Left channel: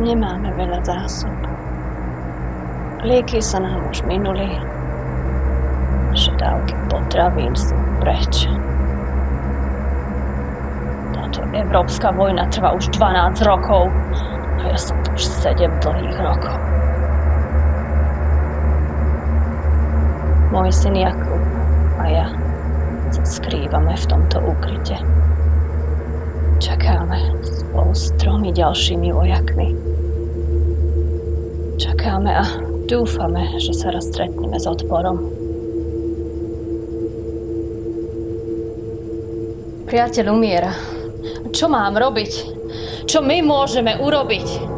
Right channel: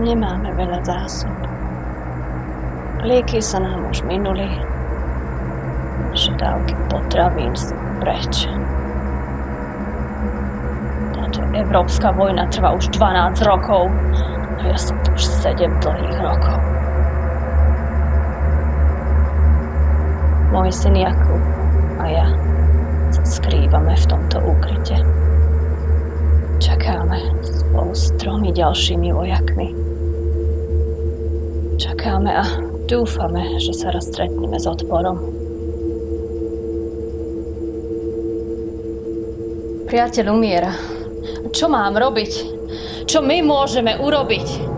Nemáme veľa zásob. Lieky sa nám už minuli. Dávky potravín sú preč. Táto európska vojna trvá už 12 rokov a ja som tu už 7 dlhých rokov. Môj syn Jakub a ja sa skrývame v tomto úkryte. Čakáme spolu s 3 ďalšími vojakmi. Čakáme a dúfame, že sa raz stretneme s odporom. Priateľ umiera. Čo mám robiť? Čo my môžeme urobiť?